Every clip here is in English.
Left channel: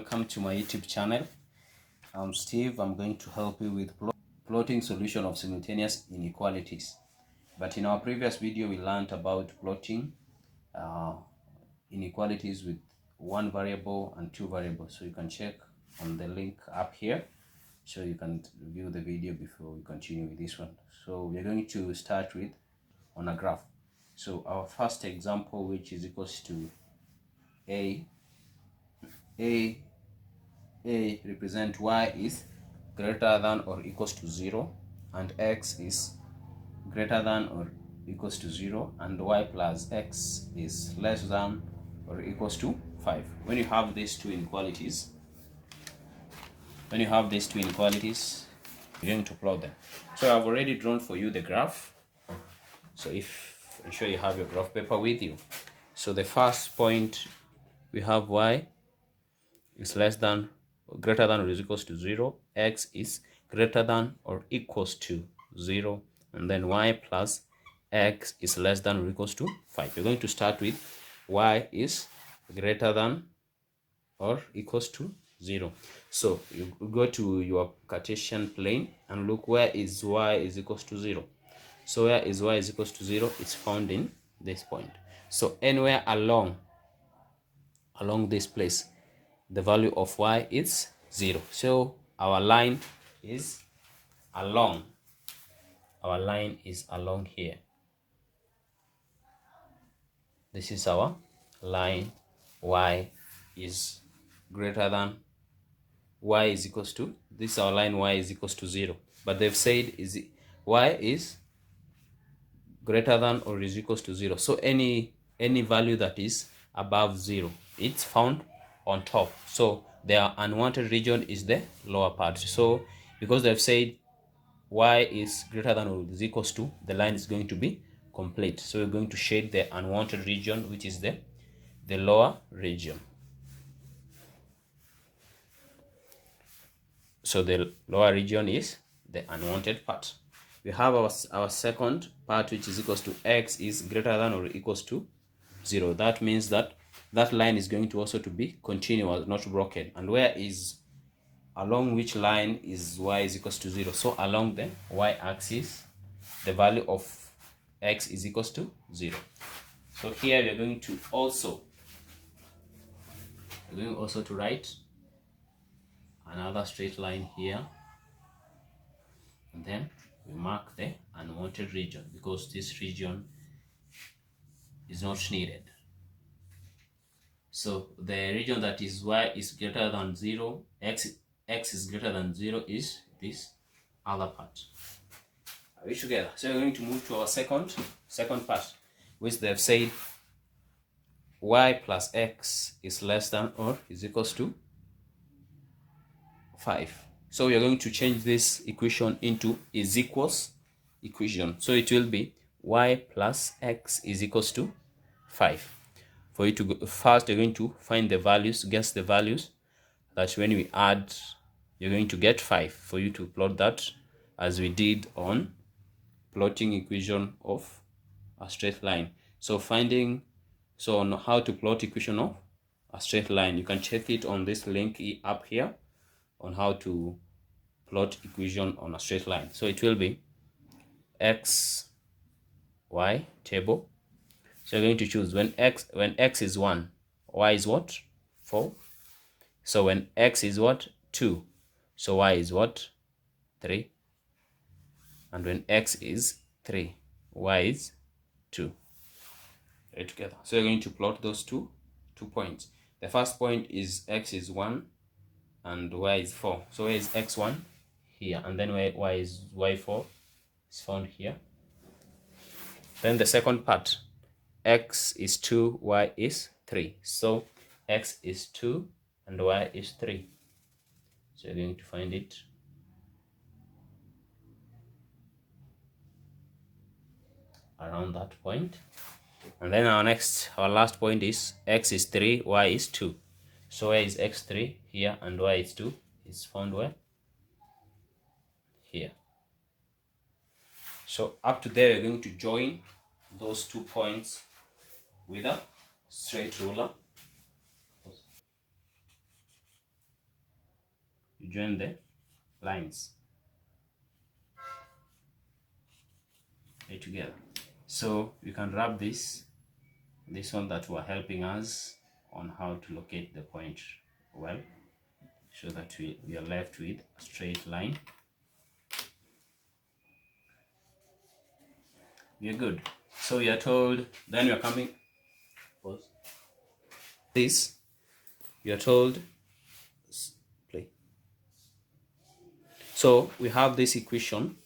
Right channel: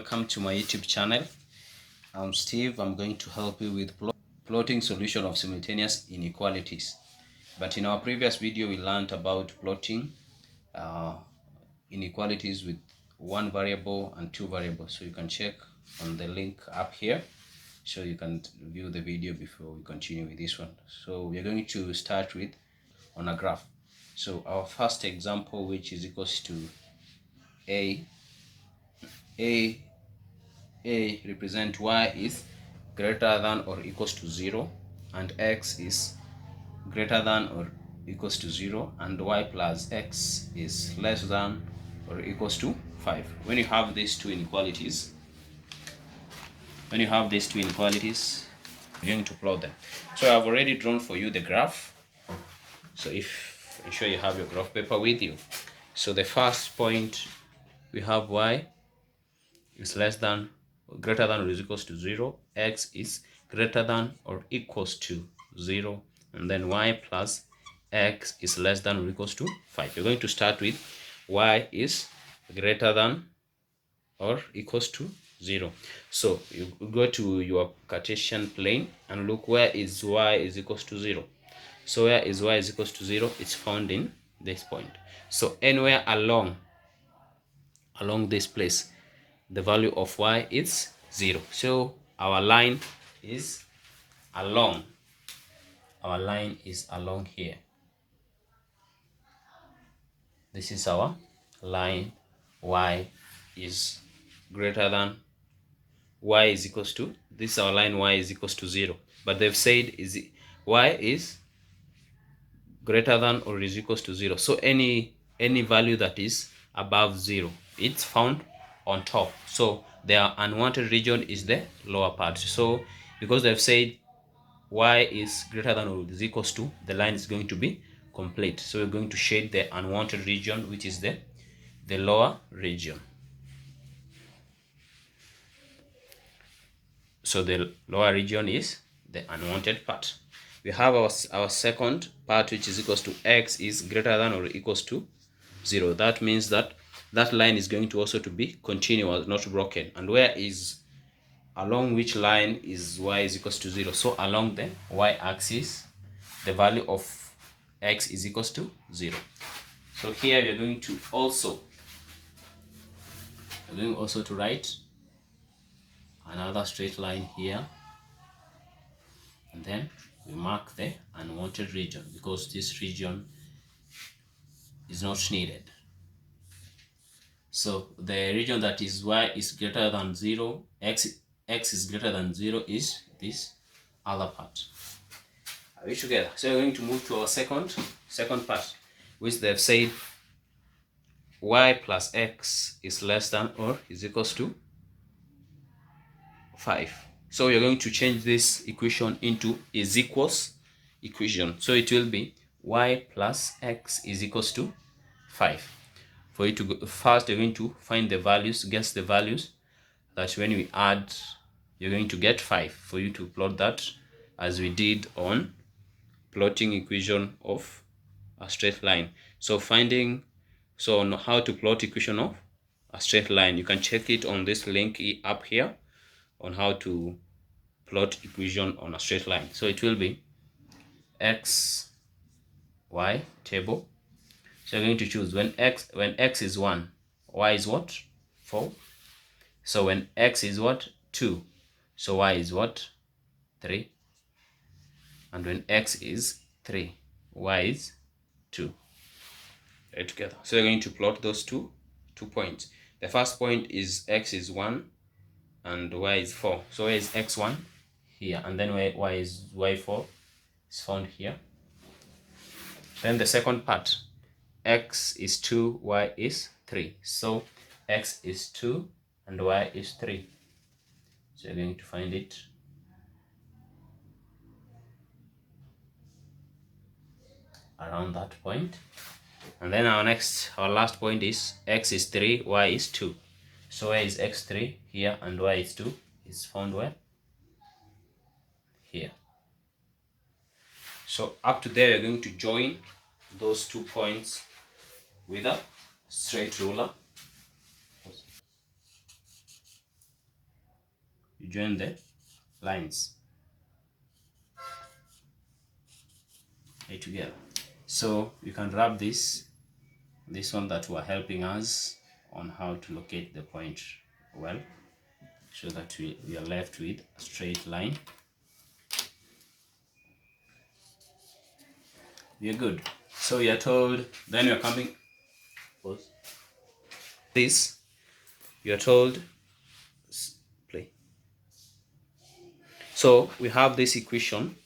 welcome to my YouTube channel. I'm Steve. I'm going to help you with plotting solution of simultaneous inequalities. But in our previous video, we learned about plotting inequalities with one variable and two variables. So you can check on the link up here, so you can view the video before we continue with this one. So we're going to start with on a graph. So our first example, which is equals to a represent y is greater than or equals to 0, and x is greater than or equals to 0, and y plus x is less than or equals to 5. When you have these two inequalities, you're going to plot them. So I've already drawn for you the graph. So if ensure you have your graph paper with you. So the first point, we have y is less than or greater than or is equals to 0, x is greater than or equals to 0, and then y plus x is less than or equals to 5. You're going to start with y is greater than or equals to 0. So you go to your Cartesian plane and look where is y is equals to 0. So where is y is equals to 0? It's found in this point. So anywhere along this place, the value of y is 0. So our line is along here. This is our line. Y is greater than, y is equals to, this is our line, y is equals to 0, but they've said is y is greater than or is equals to 0. So any value that is above 0, it's found on top. So their unwanted region is the lower part. So because they've said y is greater than or is equals to, the line is going to be complete. So we're going to shade the unwanted region, which is the lower region. So the lower region is the unwanted part. We have our second part, which is equals to x is greater than or equals to 0. That means that line is going to also to be continuous, not broken. And where is, along which line is y is equals to 0? So along the y-axis, the value of x is equals to 0. So here we are going to also to write another straight line here, and then we mark the unwanted region because this region is not needed. So the region that is y is greater than 0, x is greater than 0 is this other part. Are we together? So we're going to move to our second part, which they've said y plus x is less than or is equals to 5. So we're going to change this equation into is equals equation. So it will be y plus x is equals to 5. For you to go, first you're going to find the values, guess the values, that when we add, you're going to get 5. For you to plot that as we did on plotting equation of a straight line. So on how to plot equation of a straight line, you can check it on this link up here on how to plot equation on a straight line. So it will be x, y table. So you're going to choose when x is 1, y is what? 4. So when x is what? 2, so y is what? 3. And when x is 3, y is 2. Right together. So you're going to plot those two points. The first point is x is 1 and y is 4. So where is x1? Here. And then y is y4 is found here. Then the second part, x is 2, y is 3. So x is 2 and y is 3. So you're going to find it around that point. And then our last point is x is 3, y is 2. So where is x3? Here. And y is 2 is found where? Here. So up to there, you're going to join those 2 points with a straight ruler. you join the lines right together. So you can wrap this one that were helping us on how to locate the point well, so that we are left with a straight line. We are good. So we are told, then we are coming, this, you are told, play. So we have this equation.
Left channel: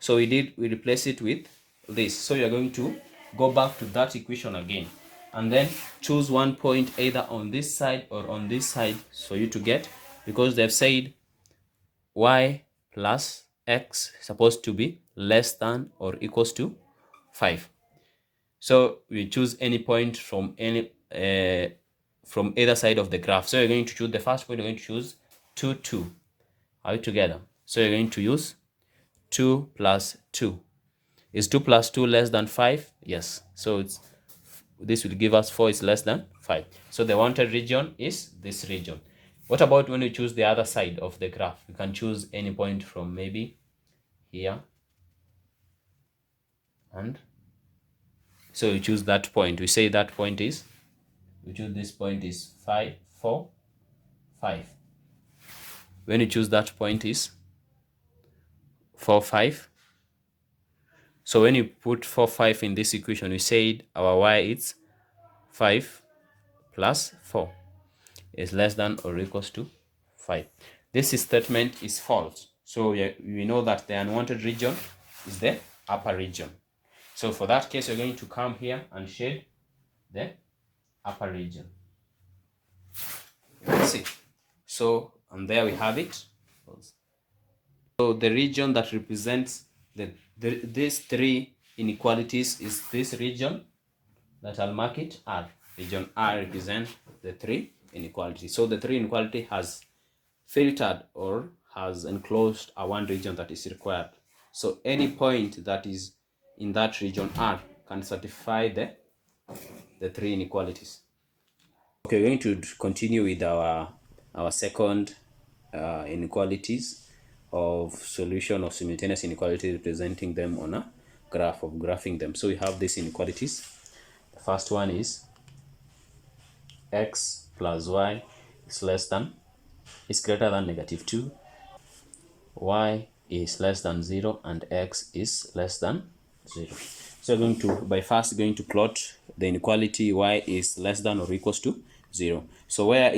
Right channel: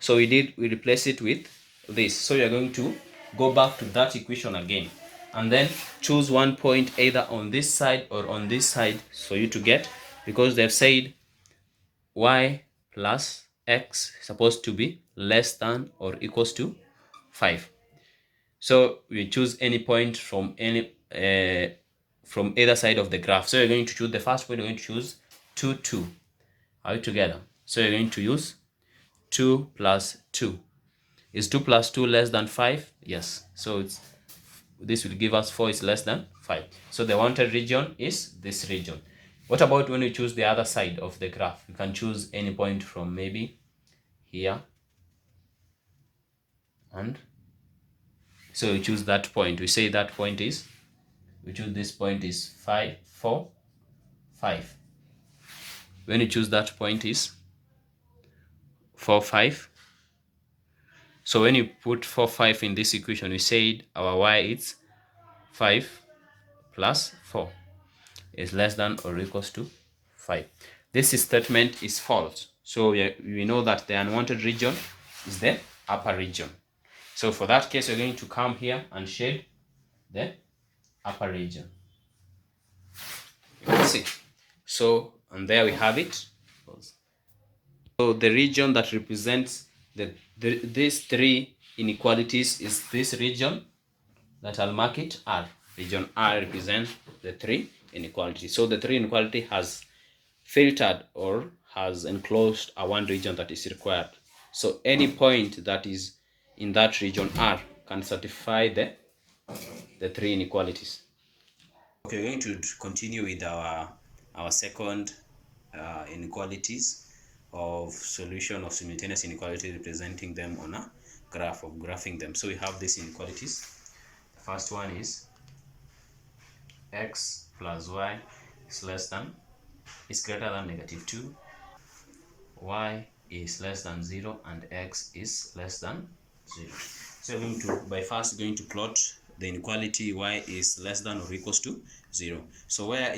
So we replace it with this. So we are going to go back to that equation again, and then choose one point either on this side or on this side for you to get, because they've said y plus x is supposed to be less than or equals to 5. So we choose any point from from either side of the graph. So you're going to choose the first point. You're going to choose 2, 2. Are we together? So you're going to use 2 plus 2. Is 2 plus 2 less than 5? Yes. So this will give us 4 is less than 5. So the wanted region is this region. What about when you choose the other side of the graph? You can choose any point from maybe here, and so you choose that point. We say that point is, we choose this point is 5, 4, 5. When you choose that point is 4, 5. So when you put 4, 5 in this equation, we said our y is 5 plus 4 is less than or equals to 5. This statement is false. So we know that the unwanted region is the upper region. So for that case, we're going to come here and shade the upper region. You can see. So, and there we have it. So the region that represents these three inequalities is this region that I'll mark it R. Region R represents the three inequalities. So the three inequality has filtered or has enclosed a one region that is required. So any point that is in that region R can satisfy the three inequalities. Okay, we're going to continue with our second inequalities of solution of simultaneous inequality, representing them on a graph, of graphing them. So we have these inequalities. The first one is x plus y is greater than negative 2, y is less than 0, and x is less than 0. So we're going to plot the inequality y is less than or equals to 0. So where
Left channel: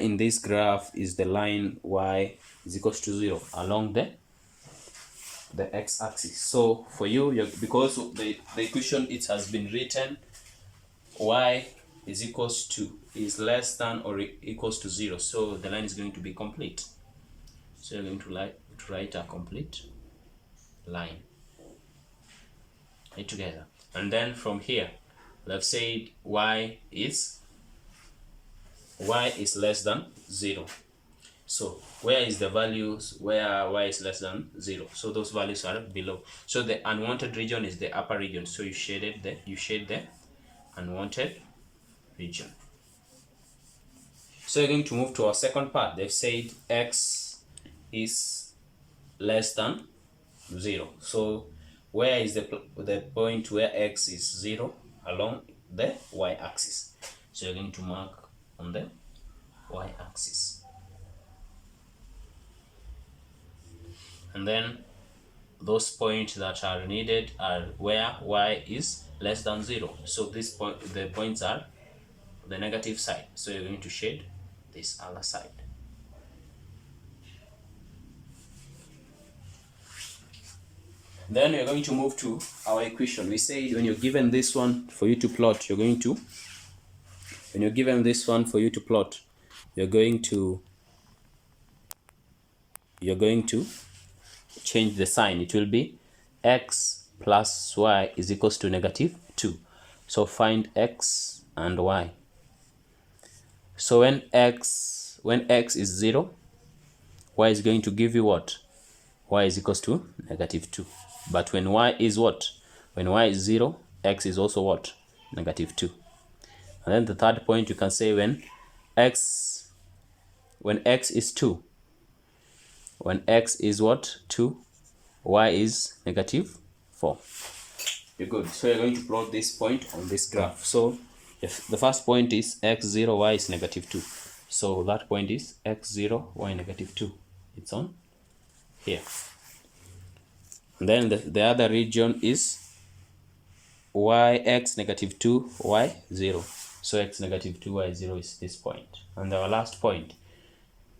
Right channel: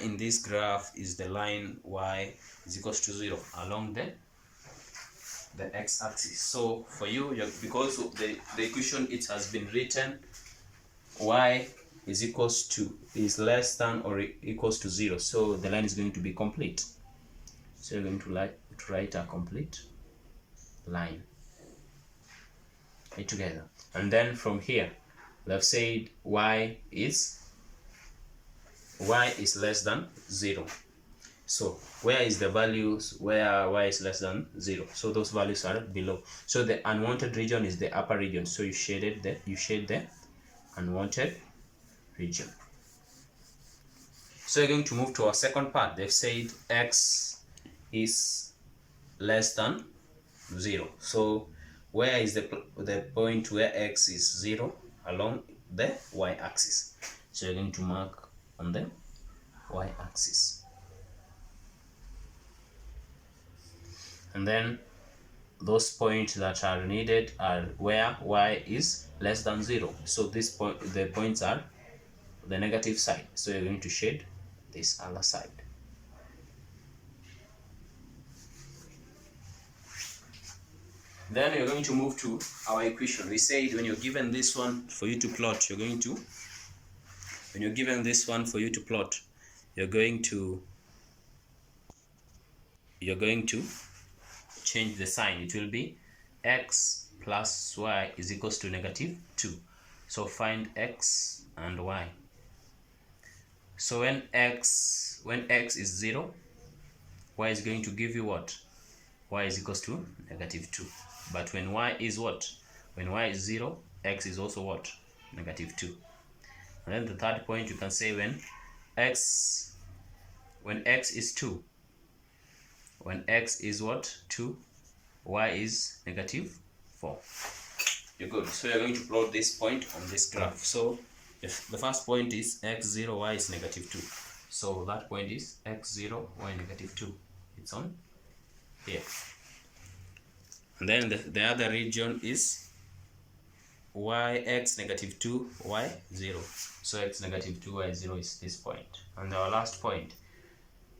in this graph is the line y is equals to 0? Along the x-axis. So for you, because the equation, it has been written y is less than or equals to 0, so the line is going to be complete. So you're going to write a complete line right together. And then from here, we've said y is less than 0. So where is the values where y is less than 0? So those values are below. So the unwanted region is the upper region. So you shade the unwanted region. So you're going to move to our second part. They've said x is less than 0. So where is the point where x is 0? Along the y-axis. So you're going to mark on the y-axis. And then those points that are needed are where y is less than 0. So the points are the negative side. So you're going to shade this other side. Then you're going to move to our equation. We said when you're given this one for you to plot, you're going to change the sign. It will be x plus y is equals to negative 2. So find x and y. So when x is 0, y is going to give you what? Y is equals to negative 2. But when y is what? When y is 0, x is also what? Negative 2. And then the third point, you can say when x when x is 2, when x is what? 2, y is -4. You're good. So you're going to plot this point on this graph. So if the first point is x0, y is -2. So that point is x0, y -2. It's on here. And then the other region is x -2, y 0. So x -2, y 0 is this point. And our last point,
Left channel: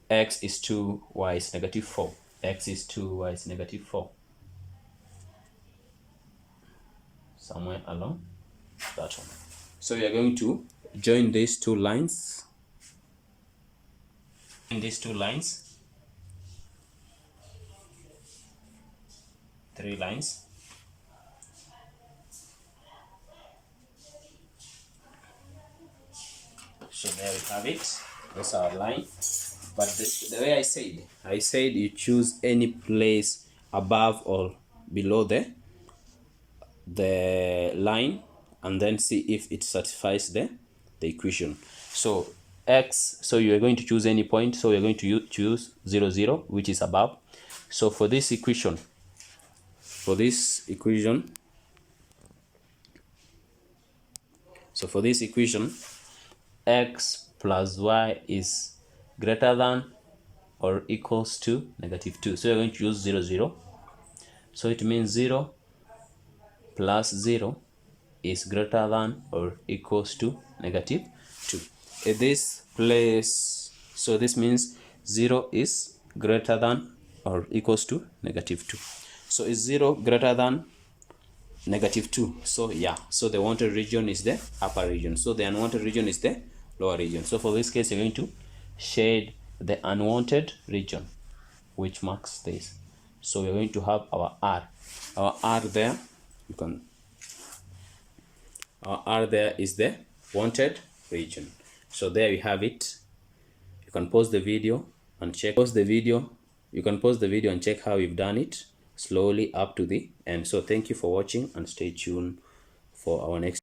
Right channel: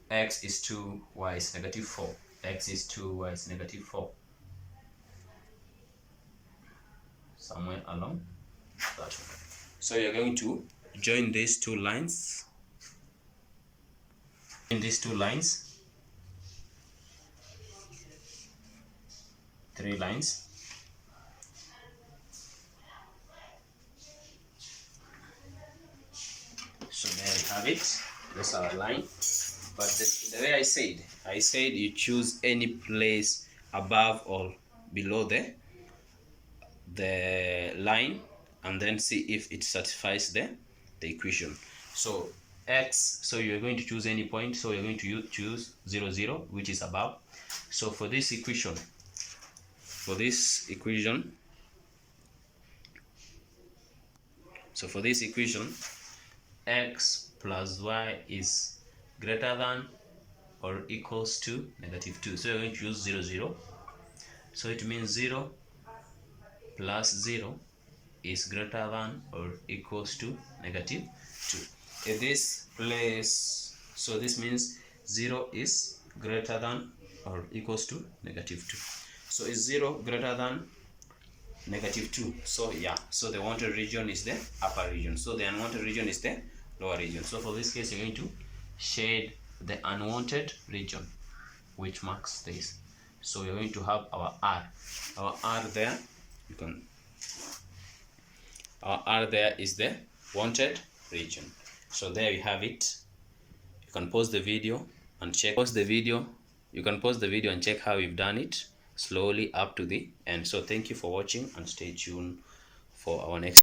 x is 2, y is -4. X is 2, y is -4. Somewhere along that one. So you're going to join these two lines. In these two lines, 3 lines. So there we have it. That's our line. But the way I said you choose any place above or below the line, and then see if it satisfies the equation. So x, so you're going to choose any point. So you're going to choose 0, 0, which is above. So for this equation, x plus y is greater than or equals to -2. So you're going to use 0, 0. So it means 0 plus 0 is greater than or equals to -2. In this place, so this means 0 is greater than or equals to -2. So is 0 greater than -2? So yeah, so the wanted region is the upper region, so the unwanted region is the lower region. So for this case, you're going to shade the unwanted region, which marks this. So we're going to have our R there. Our R there is the wanted region. So there we have it. You can pause the video and check. You can pause the video and check how we've done it slowly up to the end. So thank you for watching, and stay tuned for our next.